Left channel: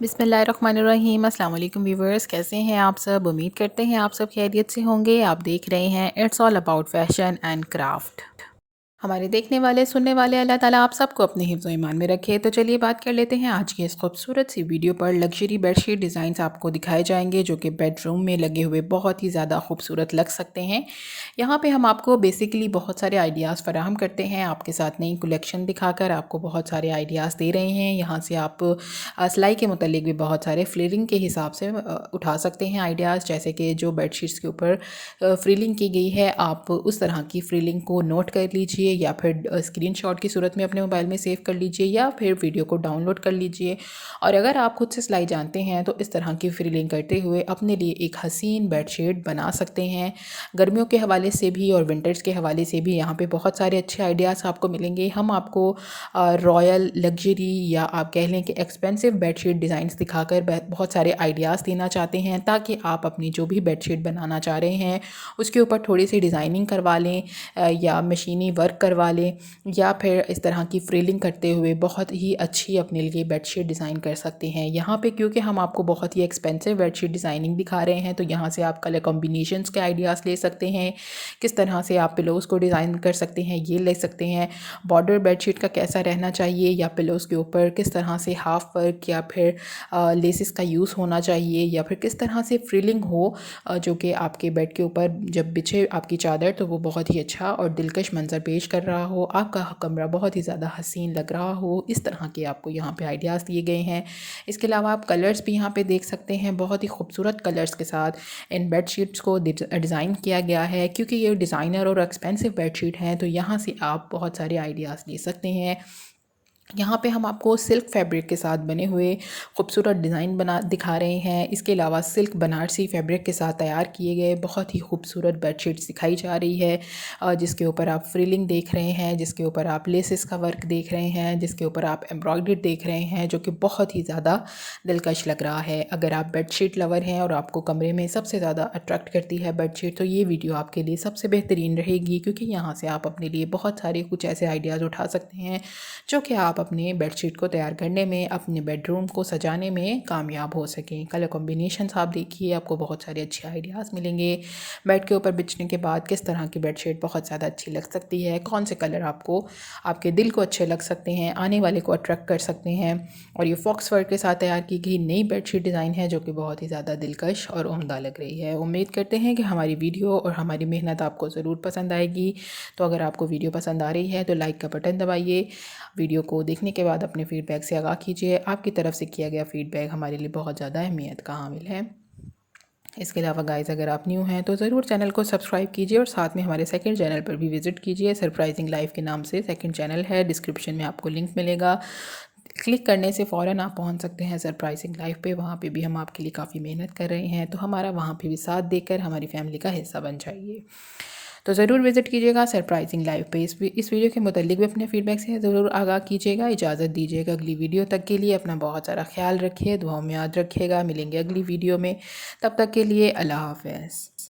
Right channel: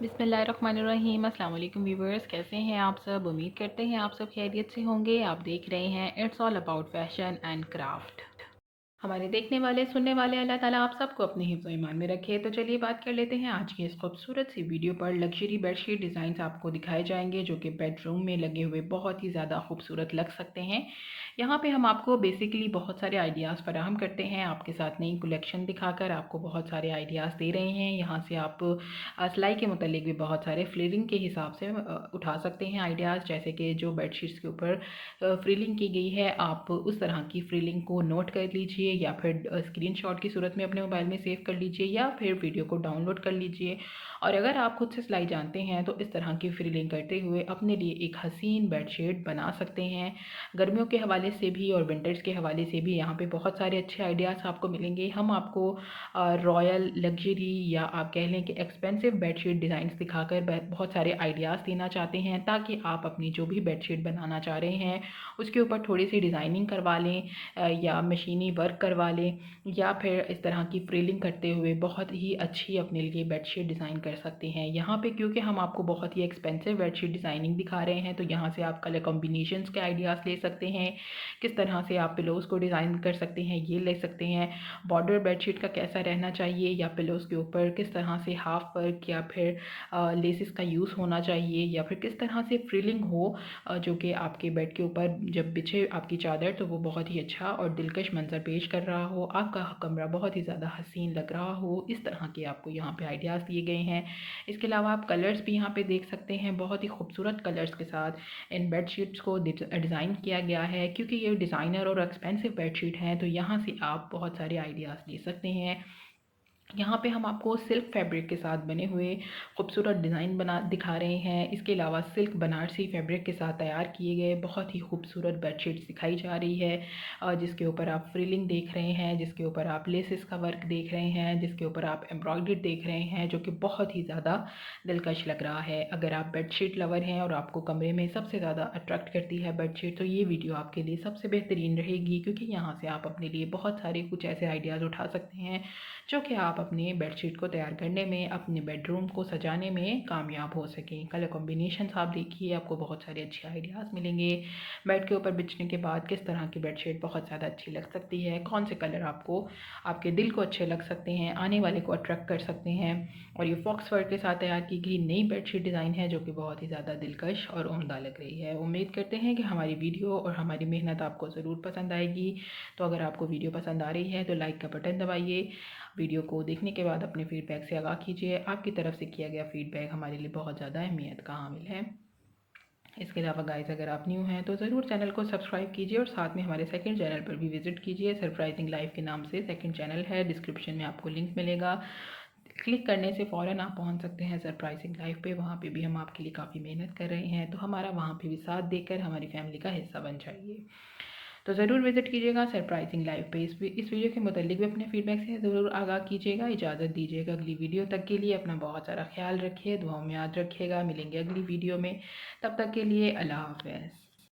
बिस्मिल्लाहिर्रहमानिर्रहीम। अस्सलाम वालेकुम व्यूवर्स, कैसे हैं आप सब? उम्मीद करते हैं आप सब खैरियत से होंगे। आप देख रहे हैं it's all about fashion and craft. हमारे देखने वाले सुनने वाले अल्लाह ताला आप सबको अपने हिफ्ज़ व ईमान में रखे। तो चलिए बात कर लेते हैं आज की इस खूबसूरत सी वीडियो पर। लग्जरी बेडशीट डिज़ाइंस आपको दिखाए जाएंगे जो कि बेडरूम में लगे हुए बहुत ही ज़्यादा खूबसूरत लग सकते हैं। यहाँ पे हम आपको बेसिकली बहुत सारे आइडियाज़ फराहम करते हैं, आपके साथ नई कलेक्शन दिखाकर आपको बहुत सारे आइडियाज़ दे रहे हैं। यहाँ से आप सिलाई के मुतालिक भी बहुत सारे फ्रिलिंग के हिसाब से उठा सकते हैं आइडियाज़, जैसे कि जो बेडशीट्स के ऊपर फ्रिलिंग की गई है आप उस तरह की फ्रिलिंग को नोट कर लीजिए या फिर स्क्रीनशॉट की सूरत में अपने मोबाइल में सेव कर लीजिए या फिर वीडियो को डाउनलोड कर लीजिए। और अगर आप खुद से सिलाई जानते हैं तो इस तरह की फ्रिलिंग करते हुए अपने लिए एक हसीन बेडशीट बना सकते हैं। गर्मियों के हवाले से भी और विंटर्स के हवाले से भी यहाँ पे बहुत सारे अच्छे आइडियाज़ आपको मिलेंगे। हम आपको रॉयल लग्जरी या आप कह लें कि एक्सपेंसिव बेडशीट डिज़ाइंस दिखाकर बहुत सारे आइडियाज़ देना चाहते हैं, ताकि आप अपनी जो भी बेडशीट बनाना चाह रहे हैं उसके ऊपर थोड़ी सी डिज़ाइनिंग करवा लें या मशीनी वर्क करवा लें या फिर इस तरह की फ्रिलिंग करते हुए बहुत ही अच्छी अपने लिए बेडशीट डिज़ाइन कर सकते हैं। यहाँ पे क्योंकि हम आपको बहुत ही एक्सपेंसिव बेडशीट डिज़ाइनिंग दिखा रहे हैं तो यहाँ से आप कलर कॉम्बिनेशंस के आइडियाज़ ले सकते हैं, किस तरह से आप पिलोज़ को डिज़ाइन कर सकते हैं ये ले सकते हैं। बॉर्डर बेडशीट का कैसा रहना चाहिए या पिलोज़ के ऊपर किस तरह से हाफ वर्क या फिर लेसिस का यूज़ होना चाहिए या फिर किस तरह से फ्रिलिंग हो जो कि आपके बेड के ऊपर जब बिछे आपकी चादर तो वो बहुत ही अच्छा और दिलकश मंज़र पेश कर रहा हो, आपका कमरा बहुत ही ज़्यादा हसीन लग रहा हो। इस तरह के आपको यहाँ पे आइडियाज़ दिए गए हैं। इसके अलावा आप कलर्स भी यहाँ पे देख सकते हैं, बहुत ही खूबसूरत कलर्स के साथ इन बेडशीट्स को डिज़ाइन किया गया है। क्योंकि ये डिज़ाइनर और एक्सपेंसिव बेडशीट हैं तो यहाँ से आप बहुत सारे आइडियाज़ ले सकते हैं। यहाँ पे हम आपको सिल्क फैब्रिक के साथ बने हुए खूबसूरत डिज़ाइन बना दिखा रहे हैं। इसके अलावा सिल्क बनारसी फैब्रिक के साथ तैयार किए गए बहुत ही खूबसूरत बेडशीट्स दिखाई जा रही है, जिसके ऊपर आप फ्रिलिंग देख रहे हैं, जिसके ऊपर आप लेसिस का वर्क देख रहे हैं, जिसके ऊपर आप एम्ब्रॉयडरी देख रहे हैं, जो कि बहुत ही ज़्यादा दिलकश लग रहा है। अगर आप बेडशीट लवर हैं और आपको कमरे में सबसे ज़्यादा अट्रैक्ट करती है बेडशीट तो ये वीडियो आपके लिए सबसे बेहतरीन रहेगी, क्योंकि यहाँ से आप अपने लिए बहुत सारे कुछ ऐसे आइडियाज़ उठा सकते हैं जो कि आप अपने बेडशीट को तैयार करने में, अपने बेडरूम को सजाने में कामयाब हो सकें। कलर कॉम्बिनेशंस आप देखिए, आपको बहुत सारे अच्छे आइडियाज़ मिलेंगे। बेड के ऊपर बिछने के बाद किस तरह की बेडशीट बहुत ज़्यादा अच्छी लग सकती है, कौन से कलर आपको आपके दिल को अच्छे लग सकते हैं, आने वाले को अट्रैक्ट कर सकते हैं। और ये फॉक्स वर्क के साथ तैयार की गई नई बेडशीट डिज़ाइन है जो कि बहुत ही ज़्यादा दिलकश और उम्दा लग रही है। उम्मीद करते हैं कि हमारी वीडियो और हमारी मेहनत आपको ज़रूर पसंद आएगी। तो अगर आपको वीडियो पसंद आ रही है तो लाइक का बटन दबाइए। वीडियो को देखने के बाद अपने फ़ीडबैक से आगाह कीजिए। आपकी तरफ से किया गया फ़ीडबैक हमारे लिए बहुत ज़्यादा अहमियत का हामिल है। इसके अलावा गाइस, अगर आप न्यू हैं तो ज़रूर चैनल को सब्सक्राइब कीजिए और साथ में हमारे सेकंड चैनल पर भी विज़िट कीजिए। सरप्राइजिंग लाइफ के नाम से सेकंड चैनल है, डिस्क्रिप्शन में आपको लिंक मिलेगा। क्लिक करने से फ़ौरन आप पहुंच सकते हैं सरप्राइजिंग लाइफ पे। वहाँ पे भी हम आपके लिए काफ़ी मेहनत कर रहे हैं, तो हमारा वहाँ पे भी साथ देकर हमारी फैमिली का हिस्सा बन जाइए। तो ज़रूर विज़िट कीजिएगा सरप्राइजिंग लाइव पे। इस वीडियो के मुतालिक भी अपने फ़ीडबैक से ज़रूर आगाह कीजिएगा। इजाज़त दीजिएगा अगली वीडियो तक के लिए। अपना बहुत सारा ख्याल रखिए, दुआओं में याद रखिएगा। मिलेंगे अगली वीडियो में, तब तक के लिए अल्लाह हाफ़िज़।